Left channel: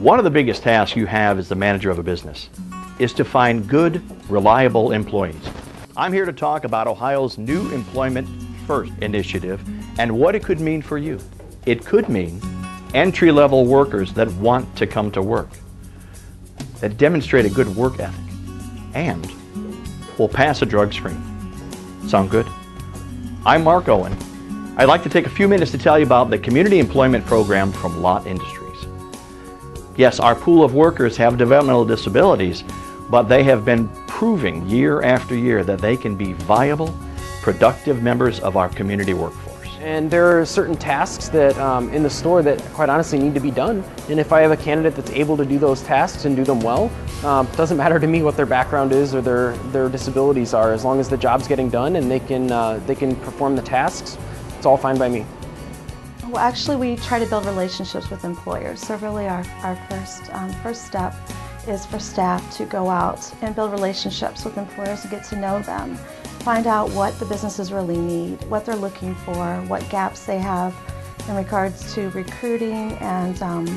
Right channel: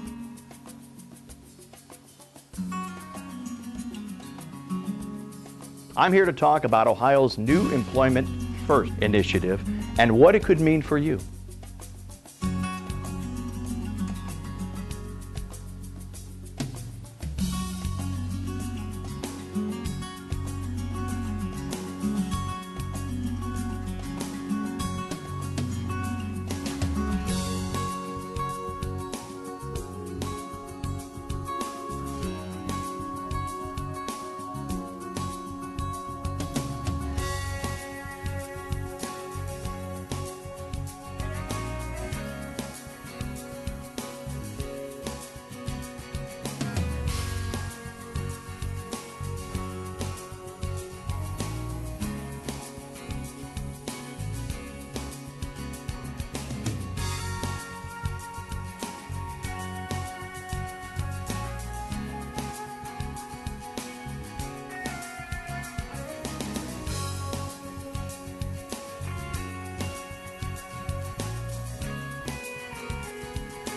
One of the biggest tasks you have as the manager of a business is to find good, reliable employees. I'm here to talk about Ohio's new Employment First initiative and what it could mean for you. It could mean entry-level workers that want to come to work, that demonstrate a good work ethic, and will pass a drug screen. Sound good? I'm Mark Owen. I'd like to take a few minutes to tell you about the Community Employment Program from Lott Industries. Yes, our pool of workers have developmental disabilities, but they have been proving year after year that they can be viable, productive members of our community workforce. And there are certain tasks that in the store that quite honestly need to be done. And if I have a candidate that's able to do those tasks and do them well, it doesn't matter to me what their background is or their disabilities are. As long as the job's getting done and they can perform the tasks, it's all fine by me. Well, actually, we try to build relationships with employers. So really our first step is for staff to go out and build relationships with employers and get to know them. Find out what the businesses really need, what they're looking for, what gaps they have in regards to recruiting and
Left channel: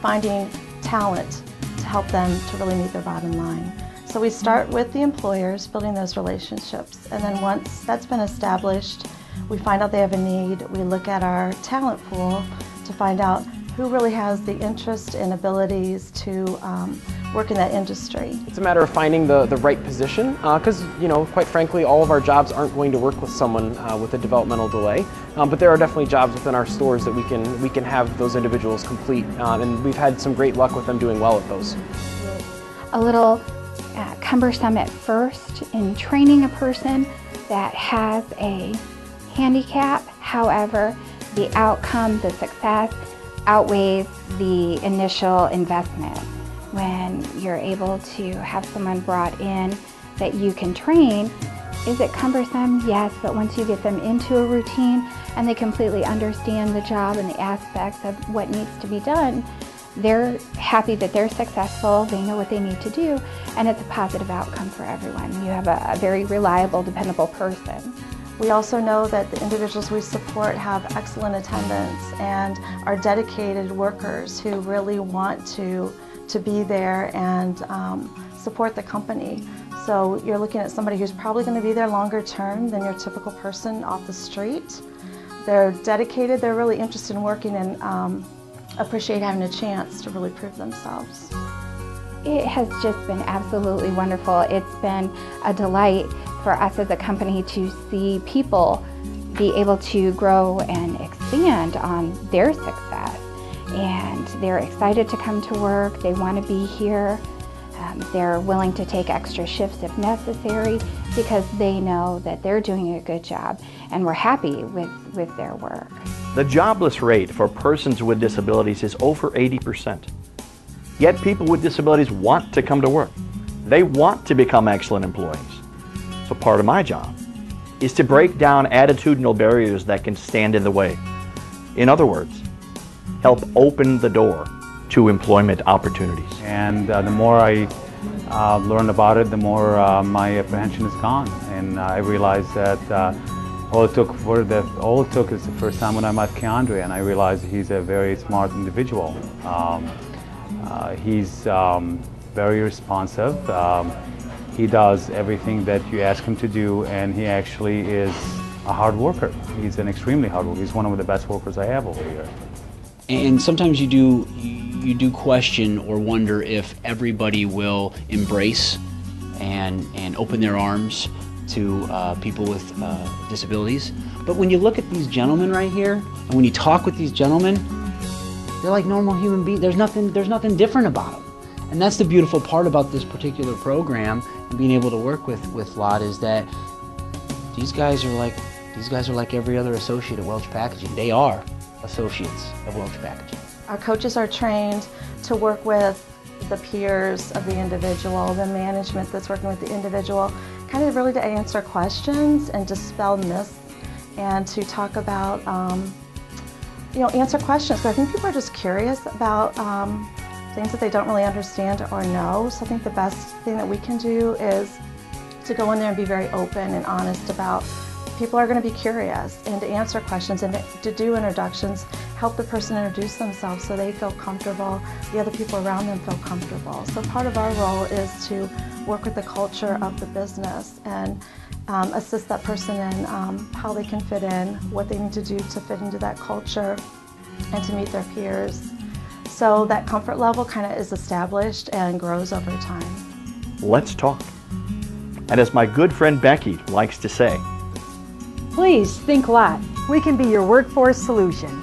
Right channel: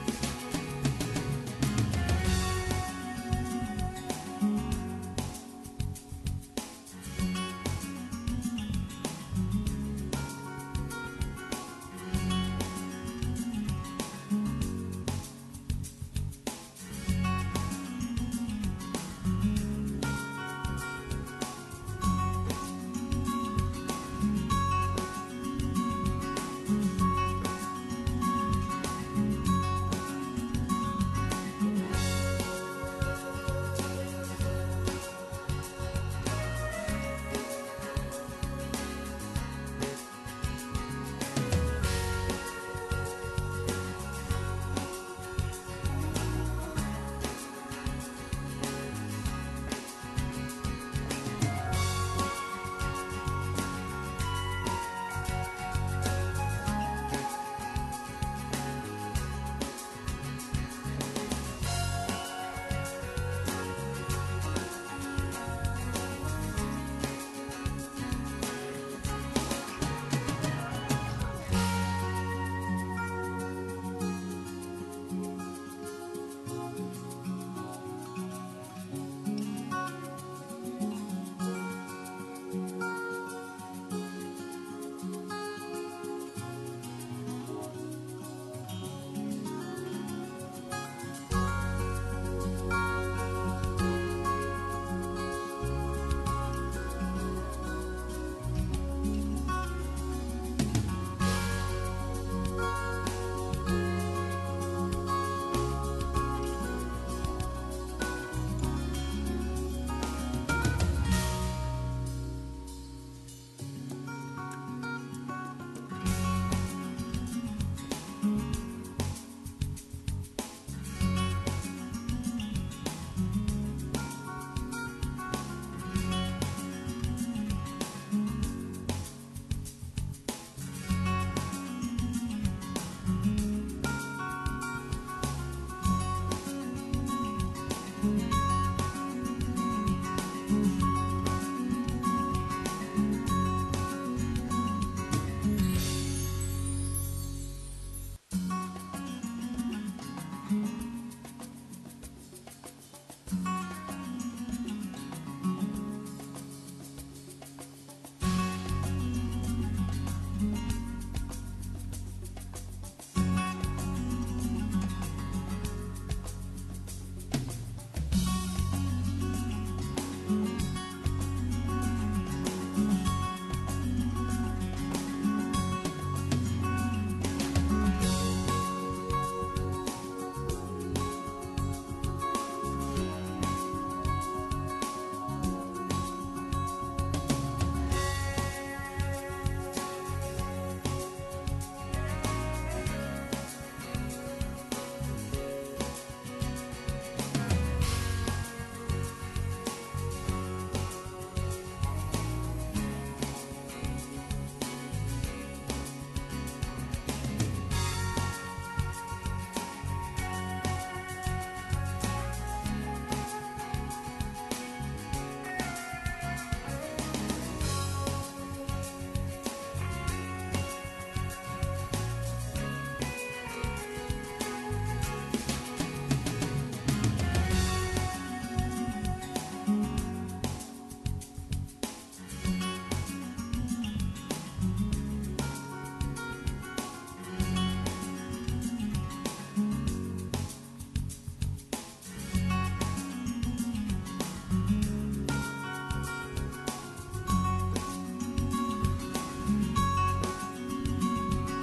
finding talent to help them to really meet their bottom line. So we start with the employers, building those relationships, and then once that's been established, we find out they have a need. We look at our talent pool to find out who really has the interest and abilities to work in that industry. It's a matter of finding the right position because, quite frankly, all of our jobs aren't going to work with someone with a developmental delay. But there are definitely jobs within our stores that we can have those individuals complete, and we've had some great luck with them doing well at those. A little cumbersome at first in training a person that has a handicap. However, the outcome, the success, outweighs the initial investment. When you're able to have someone brought in that you can train, is it cumbersome? Yes, but once you get them into a routine and they completely understand the job and the aspects of what needs to be done, they're happy that they're successful, they know what they need to do, and it's a positive outcome for everyone. You have a very reliable, dependable person. We also know that the individuals we support have excellent attendance and are dedicated workers who really want to be there and support the company. So you're looking at somebody who's probably going to be there longer term than your typical person off the street. They're dedicated, they're really interested in working and appreciate having a chance to really prove themselves. It has just been absolutely wonderful. It's been a delight for us as a company to see people be able to grow and expand on their success. And they're excited to come to work, they want to be here, they're willing to take extra shifts if necessary because they know that they're doing a good job and we're happy with their work. The jobless rate for persons with disabilities is over 80%. Yet people with disabilities want to come to work. They want to become excellent employees. So part of my job is to break down attitudinal barriers that can stand in the way. In other words, help open the door to employment opportunities. And the more I learn about it, the more my apprehension is gone. And I realized that all it took is the first time when I met Keandre, and I realized he's a very smart individual. He's very responsive. He does everything that you ask him to do, and he actually is a hard worker. He's an extremely hard worker. He's one of the best workers I have over here. And sometimes you do question or wonder if everybody will embrace and open their arms to people with disabilities. But when you look at these gentlemen right here, and when you talk with these gentlemen, they're like normal human beings. There's nothing different about them. And that's the beautiful part about this particular program, and being able to work with Lott, is that these guys are like every other associate at Welch Packaging. They are associates of Welch Packaging. Our coaches are trained to work with the peers of the individual, the management that's working with the individual, kind of really to answer questions and dispel myths and to talk about, answer questions. So I think people are just curious about things that they don't really understand or know. So I think the best thing that we can do is to go in there and be very open and honest about people are going to be curious and to answer questions and to do introductions help the person introduce themselves so they feel comfortable, the other people around them feel comfortable. So part of our role is to work with the culture of the business and assist that person in how they can fit in, what they need to do to fit into that culture and to meet their peers. So that comfort level kind of is established and grows over time. Let's talk. And as my good friend Becky likes to say, please think Lott. We can be your workforce solution.